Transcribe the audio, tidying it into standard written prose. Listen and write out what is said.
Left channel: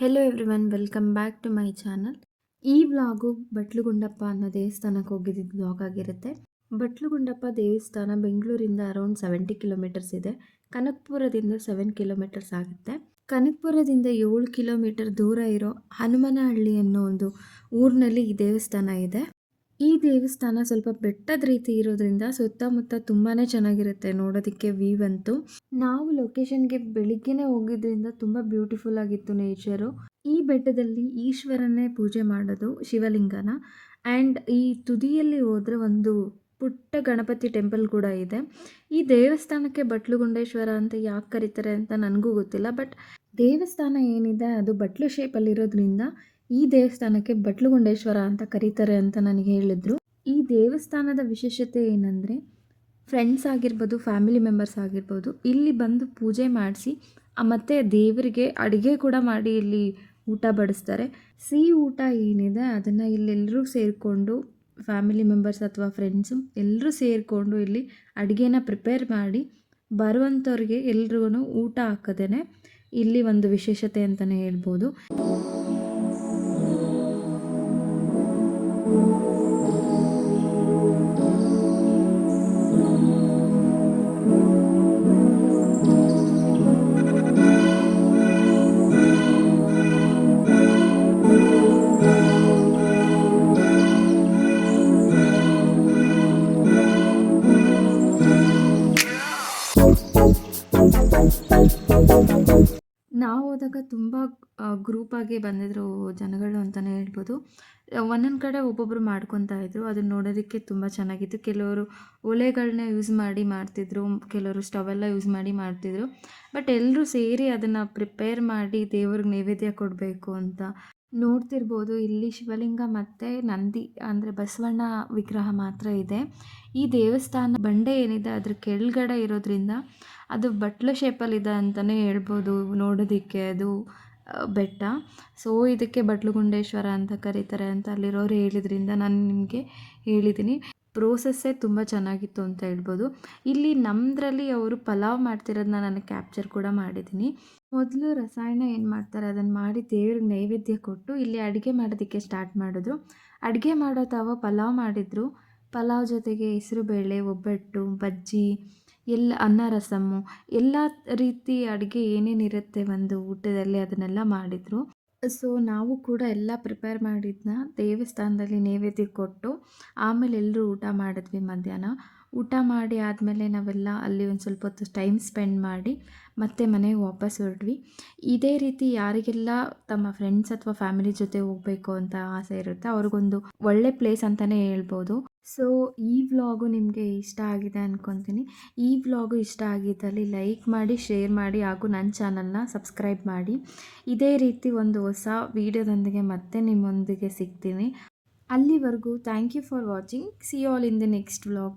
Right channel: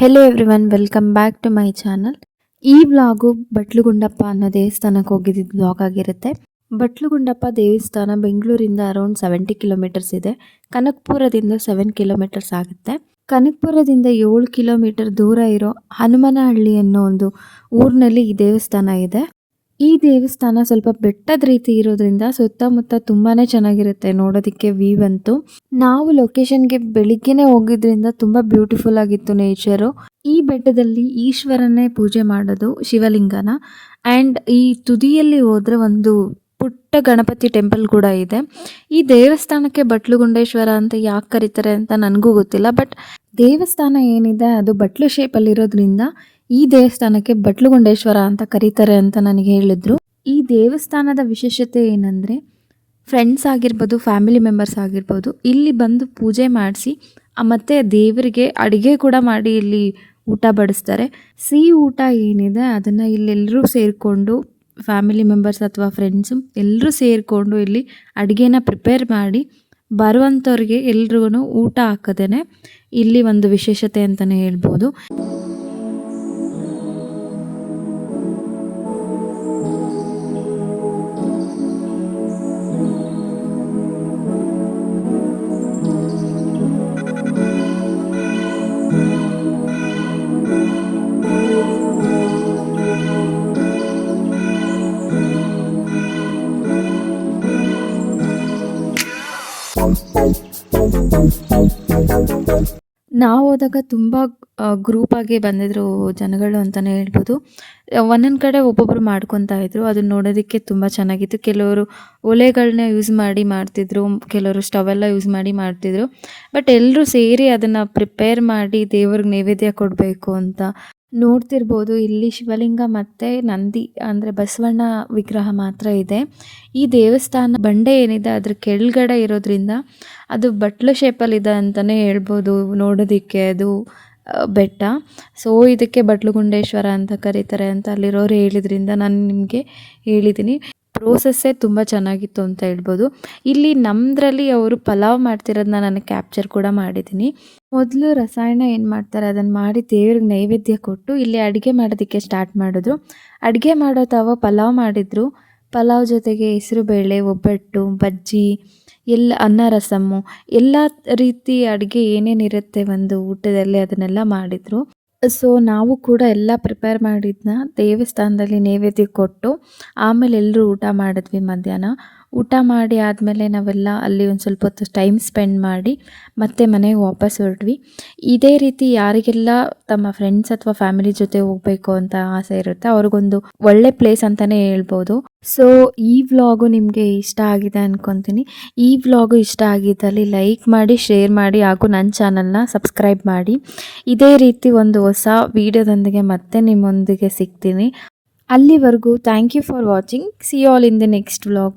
Hello everyone, welcome back to my channel. ಈ vlog Batlugundappa ಅನ್ನೋ ದೇವಸ್ಥಾನಕ್ಕೆ ಹೋಗಿದ್ದಿದ್ದು ವ್ಲಾಗ್ ಆಗಿರುತ್ತೆ. ಬಟ್ಲುಗುಂಡಪ್ಪ ದೇವಸ್ಥಾನ ಬೆಂಗಳೂರಿಂದ ಅರೌಂಡ್ 70 ಕಿಲೋಮೀಟರ್ಸ್ ಇದೆ. ಕನಕಪುರದಿಂದ 7 ಕಿಲೋಮೀಟರ್ಸ್ ಆಗುತ್ತೆ. ಕನಕಪುರದಿಂದ 7 ಕಿಲೋಮೀಟರ್ ದೂರ ಇರೋ ಹನುಮನಹಳ್ಳಿ ಅನ್ನೋ ಒಂದು ಊರಿನಲ್ಲಿ ಈ ದೇವಸ್ಥಾನ ಇದೆ. ಈ ದೇವಸ್ಥಾನ ಸ್ವಲ್ಪ ಬೆಟ್ಟದ ರೀತಿ ಇರೋದ್ರಿಂದ ಸುತ್ತಮುತ್ತ ತುಂಬಾ ಚೆನ್ನಾಗಿರುತ್ತೆ ನೋಡೋದಕ್ಕೆ. ವ್ಯೂ ಅಂತೂ ನಾವು ಲೊಕೇಶನ್ಗೆ ಬೆಳಿಗ್ಗೆನೆ ಹೋಗಿದ್ರಿಂದ ತುಂಬ ಬ್ಯೂಟಿಫುಲ್ ಆಗಿತ್ತು ನೇಚರು. ಈ ಬೆಟ್ಟದಲ್ಲಿ ಈಶ್ವರನ್ನೇ ಪೂಜೆ ಮಾಡೋದು, ಶಿವಲಿಂಗನ. ಆ್ಯಂಡ್ ಈ ತುದಿಯಲ್ಲಿ ಹೋದರೆ ಒಂದು ಪುಟ್ಟ ಗಣಪತಿ ಟೆಂಪಲ್ ಕೂಡ ಇದೆ. ಈ ದೇವಸ್ಥಾನಕ್ಕೆ ಬಟ್ಲುಗುಂಡೇಶ್ವರ ಅಂತ ಯಾಕೆ ಕರೀತಾರೆ ಅಂತ ನನಗೂ ಗೊತ್ತಿಲ್ಲ. ಬಟ್ ದೇವಸ್ಥಾನ ಏನಿದೆ ಅದು ಬಟ್ಲು ಶೇಪಲ್ಲಿರೋದ್ರಿಂದ ಈ ದೇವಸ್ಥಾನಕ್ಕೆ ಬಟ್ಲುಗುಂಡೇಶ್ವರ ಅಂತ ಕರೀತಾರೆ ಅಂತ ನನಗೆ ಹೇಳಿದ್ರು. ಈ ದೇವಸ್ಥಾನದ ವಿಶೇಷತೆ ಏನಂದರೆ, ಫ್ರೆಂಡ್ಸ್ ಆಗಿರ್ಬೋದು, ಫ್ಯಾಮಿಲಿ ಮೆಂಬರ್ಸ್ ಆಗಿರ್ಬೋದು, ಇಲ್ಲಿ ಬಂದು ಪೂಜೆ ಮಾಡಿಸಿ ಮತ್ತು ದೇವರಿಗೆ ಅಡುಗೆ ಕೂಡ ಮಾಡಿ ಇಲ್ಲಿ ಊಟ ಬಡಿಸ್ತಾರೆ. ಸಿಹಿ ಊಟ ಏನಿದೆ ಅದನ್ನು ಇಲ್ಲೆಲ್ಲರೂ ಸೇರಿಕೊಂಡು, ಫ್ಯಾಮಿಲಿ ಮೆಂಬರ್ಸ್ ಅಥವಾ ಫ್ರೆಂಡ್ಸು ಎಲ್ಲರೂ ಸೇರಿಕೊಂಡು ಇಲ್ಲಿ ಅಡುಗೆನ ಪ್ರಿಪೇರ್ ಮಾಡಿ ಬರುವಂಥವ್ರಿಗೆ ಎಲ್ರಿಗೂ ಊಟ ಹಾಕೋದೇ ಇಲ್ಲಿ ಒಂದು ವಿಶೇಷತೆ ಅಂತಲೇ ಹೇಳ್ಬೋದು. ನಾವು ಹೋದಾಗ ತುಂಬ ಗ್ರೂಪಾಗಿ ಬಂದಿದ್ದರು ಜನಗಳು ಅಂತಲೇ ಹೇಳ್ಬೋದು. ಒಂದೊಂದು ಕಡೆ ಒಬ್ಬೊಬ್ಬರು ಮಾಡ್ಕೊತಾ ಇದ್ದರು. ಅದನ್ನ ನೋಡೋದಕ್ಕೆ ತುಂಬ ಚೆನ್ನಾಗಿತ್ತು. ಕೆಲವರು ಒಲೆಗಳನ್ನ ಯೂಸ್ ಮಾಡಿ ಮಾಡ್ತಿದ್ರು, ಕೆಲವರು ಸ್ಟವೆಲ್ಲ ಯೂಸ್ ಮಾಡಿ ಮಾಡ್ತಿದ್ರು. ಬಟ್ ಎಲ್ಲರೂ ಸೇರಿ ಅದನ್ನು ಪ್ರಿಪೇರ್ ಮಾಡಿ ದೇವ್ರಿಗೆ ನೈವೇದ್ಯ ಕೊಡಬೇಕು ಅಂತ ನೋಡ್ತಿರ್ಬೋದು. ಇಲ್ಲಿ ಶಿವಲಿಂಗ ಮತ್ತು ನಂದಿ ಅಂದರೆ ಬಸವಣ್ಣ ವಿಗ್ರಹ ಮಾತ್ರ ಇದೆ. ಈ ದೇವಸ್ಥಾನ ಬಂಡೆ ಏನಿದೆ ಅದ್ರ ಕೆಳಗಡೆ ಇರೋದ್ರಿಂದ ಅದು ಬಟ್ಲು ಶೇಪಲ್ಲಿದೆ ಅಂತಲೇ ಹೇಳ್ಬೋದು ನೋಡೋದಕ್ಕೆ. ಅದು ಬೆಟ್ಟ. ಸೊ ಇದಕ್ಕೆ ಬಟ್ಲುಗುಂಡೇಶ್ವರ ಅಂತ ಕರೀತಾರೆ ಅಂತ ಅಲ್ಲಿರೋರು ಹೇಳಿದ್ರಿಂದ ನಾನು ನಿಮಗೆ ಹೇಳಿದ್ದೀನಿ. ಪ್ರೋಸೆಸ್ಸೇ ತುಂಬ ಚೆನ್ನಾಗಿತ್ತು ಅಂತ ಹೇಳ್ಬೋದು. ಇಲ್ಲಿ ನಮ್ಮದ್ರಲ್ಲಿ ಅವರು ಪಲಾವ್ ಮಾಡ್ತಿರೋದನ್ನ ನಾನು ಕ್ಯಾಪ್ಚರ್ ಕೂಡ ಮಾಡಿದ್ದೀನಿ. ಮೊದಲು ರಸಾಯನ ಏನು ಮಾಡ್ತಾರೆ ಅದನ್ನು ಮಾಡಿ ದೇವ್ರಿಗೆ ನೈವೇದ್ಯ ಕೊಟ್ಟು ಇಲ್ಲಿ ಅಡುಗೆ ಮಾಡೋದಕ್ಕೆ ಸ್ಟಾರ್ಟ್ ಮಾಡಿದ್ರು. ಅಡುಗೆ ಮಾಡೋ ತಾವ ಪಲಾವ್ ಮಾಡಿದರು. ಪಲಾವ್ ಜೊತೆಗೆ ಹೆಸರುಬೇಳೆ, ಒಬ್ಬಟ್ಟು, ಬಜ್ಜಿ, ಎಲ್ಲ ಅನ್ನ ರಸಮ್ಮು, ಎಲ್ಲ ರೀತಿ ಅಡುಗೆ ಏನೇನಿರುತ್ತೆ ಒಂದು ಊಟದಲ್ಲಿ ಅದನ್ನೆಲ್ಲ ಮಾಡಿದರು. ಸೊ ನಾವು ಕೂಡ ಎಲ್ಲ ಪ್ರಿಪೇರ್ ಮಾಡಿದ್ದನ್ನ ದೇವಸ್ಥಾನದಲ್ಲಿ ನೈವೇದ್ಯ ಕೊಟ್ಟು ಆಮೇಲೆ ಎಲ್ಲರೂ ಊಟ ಮಾಡಿದ್ವಿ ಮಧ್ಯಾಹ್ನ. ಊಟ ಮಾಡಿ ಆದಮೇಲೆ ನಾವೆಲ್ಲ ಅಲ್ಲಿ ಒಂದು ಸ್ವಲ್ಪ ಹೊತ್ತು ಟೈಮ್ ಸ್ಪೆಂಡ್ ಮಾಡಿ ಮತ್ತೆ ಮನೆಗೆ ವಾಪಸ್ ಹೊರಟ್ವಿ. ಇದೇ ರೀತಿ ಯಾರಿಗೆಲ್ಲ ತಮ್ಮ ಫ್ರೆಂಡ್ಸ್ ಅಥವಾ ಫ್ಯಾಮಿಲಿ ಜೊತೆ ಹೋಗಬೇಕು ಅಂತ ಆಸೆ ಇರುತ್ತೆ ಅವ್ರಿಗೊಂದು ಒಳ್ಳೆ ಪ್ಲೇಸ್ ಅಂತಲೇ ಹೇಳ್ಬೋದು. ಸೊ ಈ ವ್ಲಾಗು ನಿಮಗೆ ಇಷ್ಟ ಆಗಿದೆ ಅಂದ್ಕೊತೀನಿ. ಈ ವ್ಲಾಗು ಇಷ್ಟ ಆಗಿದ್ದಲ್ಲಿ ಲೈಕ್ ಮಾಡಿ, ಶೇರ್ ಮಾಡಿ ಹಾಗೂ ನನ್ನ ಚಾನಲ್ನ ಸಬ್ಸ್ಕ್ರೈಬ್ ಮಾಡಿ. ಇದೇ ರೀತಿ ಒಂದು ಹೊಸ ವೀಡಿಯೋದೊಂದಿಗೆ ಮತ್ತೆ ನಿಮ್ಮೊಂದಿಗೆ ಸಿಗ್ತೀನಿ. ಅಲ್ಲಿವರೆಗೂ thank you for watching. See you all in the next vlog.